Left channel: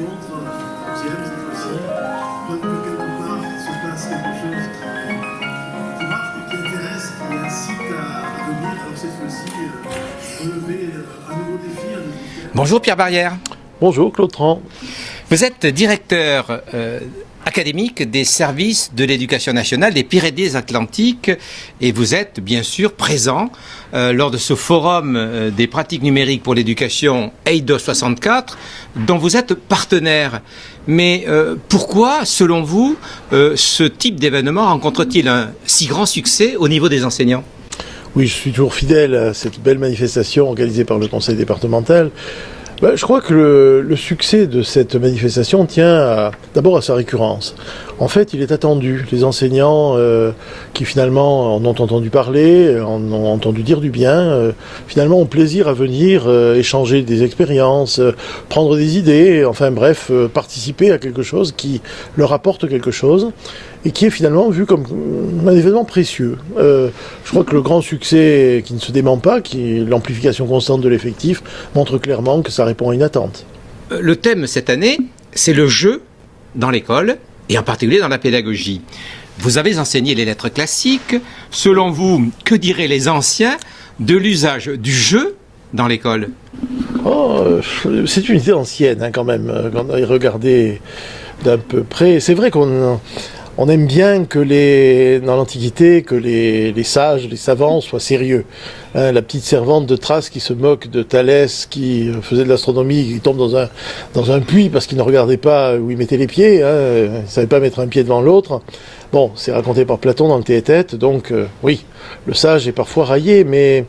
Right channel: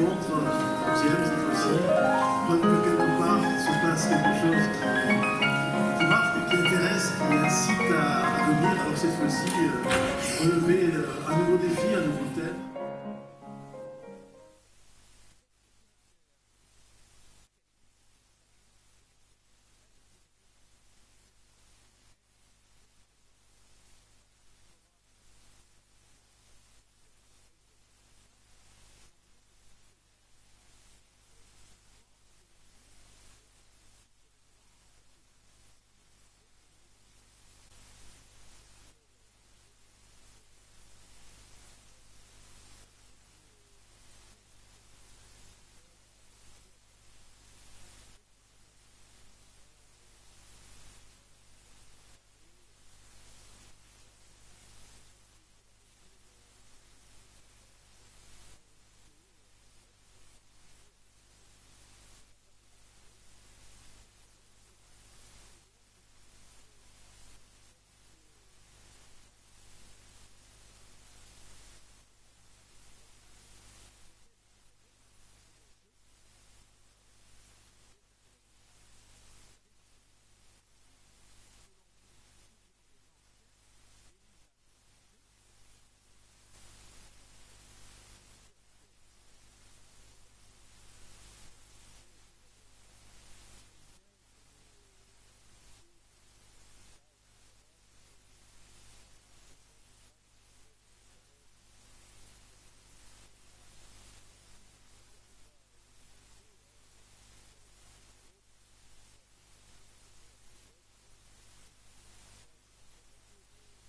rencontre, 11e cette fois-ci, donc que quelque part se passe quelque chose qui marque, qui intéresse, qui incite à venir, alors cette fois-ci, relever un nouveau défi, un nouveau thème. Bonjour Pierre Barrière. Bonjour Claude Tran. Vous êtes directeur académique des services de l'éducation nationale des Pyrénées-Atlantiques et vous êtes bien sûr présent lors de ce forum des pratiques numériques pour l'éducation EIDO 64 dont vous êtes partenaire. Mais pourquoi, selon vous, ce type d'événement rencontre-t-il un si grand succès au niveau des enseignants ? Oui, je suis toujours fidèle à cette belle manifestation organisée par le conseil départemental. Je crois que le succès de cette manifestation tient d'abord à sa récurrence. En fait, il est attendu. Les enseignants qui finalement en ont entendu parler, en ont entendu dire du bien, finalement ont plaisir à venir échanger des expériences, prendre des idées, enfin bref, participer à quelque chose qui leur apporte quelque chose et qui est finalement vu comme un événement précieux. Je crois que le grand succès qui ne se dément pas, qui est l'amplification constante de l'effectif, montre clairement que ça répond à une attente. Le thème cette année, c'est le jeu dans l'école, et en particulier dans la pédagogie. Vous avez enseigné les lettres classiques. Selon vous, que diraient les anciens de l'usage du jeu dans l'école ? C'est une idée ancienne quand même, quand on a regardé d'un peu près. C'est vrai qu'on aime bien que dans l'Antiquité, que les sages, les savants soient sérieux. La petite servante de Thrace qui se moque de Thalès, qui faisait de l'astronomie, qui tombe dans un puits parce qu'il ne regardait pas où il mettait les pieds, il ne savait pas mettre un pied devant l'autre. Bon, c'est raconté par Platon dans le Théétète, donc oui, le sage est parfois raillé, mais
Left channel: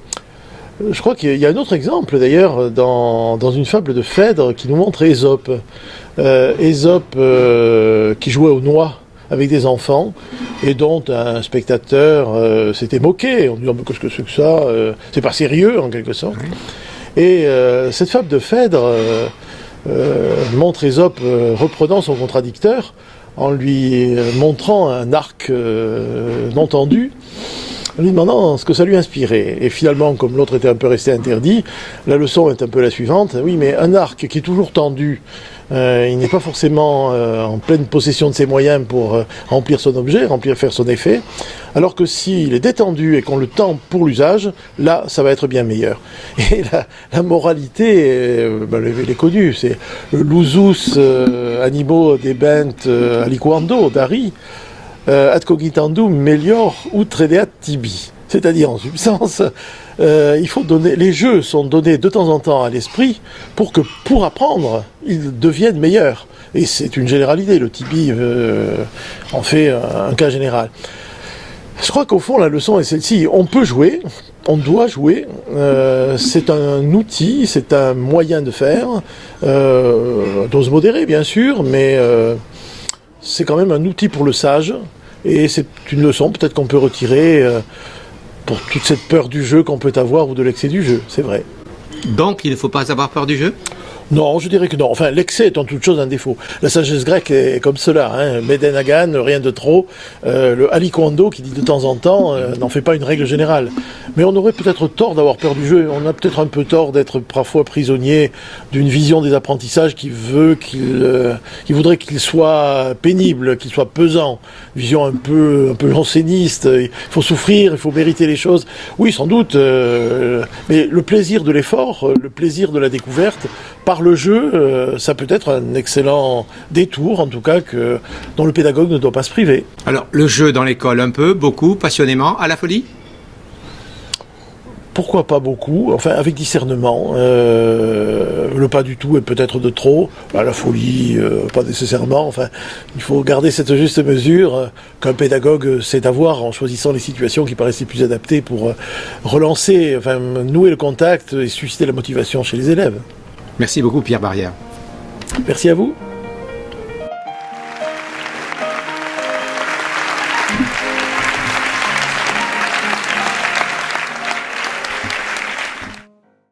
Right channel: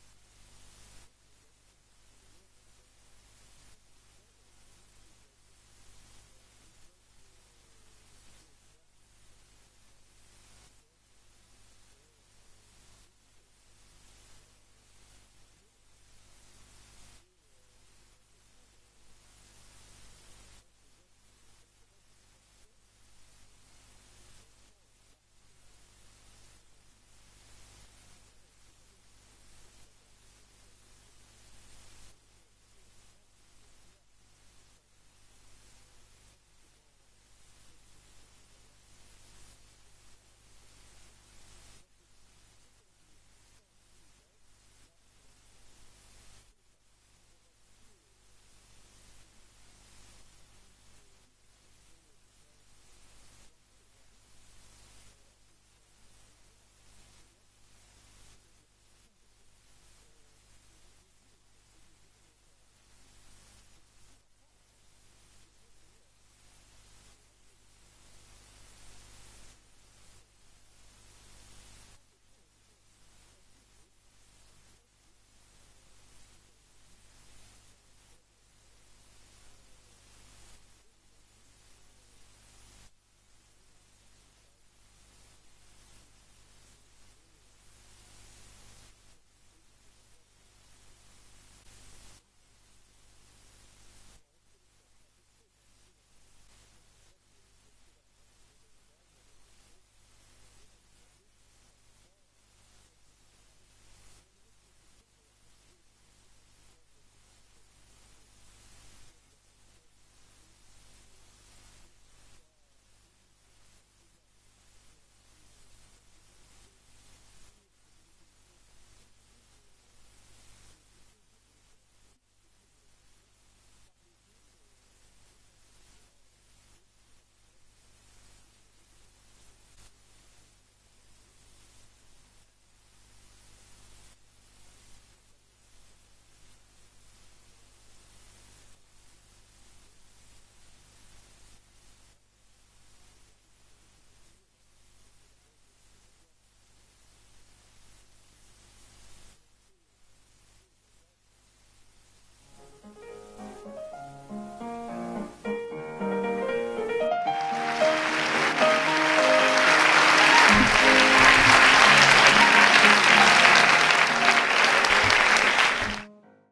je crois qu'il y a un autre exemple d'ailleurs dans une fable de Phèdre qui nous montre Ésope. Ésope qui jouait aux noix avec des enfants, et dont un spectateur s'était moqué, en disant « qu'est-ce que c'est que ça c'est pas sérieux, en quelque sorte. » Et cette fable de Phèdre montre Ésope reprenant son contradicteur, en lui montrant un arc non tendu, en lui demandant ce que ça lui inspirait. Et finalement, comme l'autre était un peu resté interdit, la leçon est un peu la suivante. Oui, mais un arc qui est toujours tendu, il n'est pas forcément en pleine possession de ses moyens pour remplir son objet, faire son effet, alors que s'il est détendu et qu'on le tend pour l'usage, là, ça va être bien meilleur. Et la moralité, elle est connue, c'est l'usus animo debent aliquando, d'Ari, ad cogitandum melior utredeat tibi. C'est-à-dire, en substance, il faut donner, les jeux sont donnés de temps en temps à l'esprit pour apprendre, ils deviennent meilleurs. Et c'est une généralité, le tibi en fait un cas général. Je crois qu'au fond, la leçon est celle-ci. On peut jouer, on doit jouer, c'est un outil, c'est un moyen de faire, dose modérée bien sûr, mais c'est quand même un outil pour le sage, et c'est une leçon peut-être qu'on peut retirer pour toute cette peur du jeu qu'on peut avoir ou de l'excès du jeu, c'est vrai. Donc il ne faut pas avoir peur du jeu ? Non, je dirais que non. Enfin, l'excès est en toute chose un défaut. La sagesse grecque est comme cela, Meden agan, rien de trop. Le aliquando qui dit de temps en temps n'en fait pas une règle générale. Mais on aurait peut-être tort d'avoir peur du jeu. On a peut-être un peu tort d'être parfois prisonnier d'une vision des apprentissages qui voudrait qu'il soit pénible, qu'il soit pesant. Vision un peu janséniste. Il faut souffrir, il faut mériter les choses. Oui, sans doute. Mais le plaisir de l'effort, le plaisir de la découverte, par le jeu, ça peut être un excellent détour, en tout cas, dont le pédagogue ne doit pas se priver. Alors, le jeu dans l'école, un peu, beaucoup, passionnément, à la folie ? Pourquoi pas beaucoup, enfin avec discernement, le pas du tout et peut-être de trop, la folie, pas nécessairement, enfin il faut garder cette juste mesure qu'un pédagogue sait avoir en choisissant les situations qui paraissent les plus adaptées pour relancer, enfin nouer le contact et susciter la motivation chez les élèves. Merci beaucoup Pierre Barrière. Merci à vous.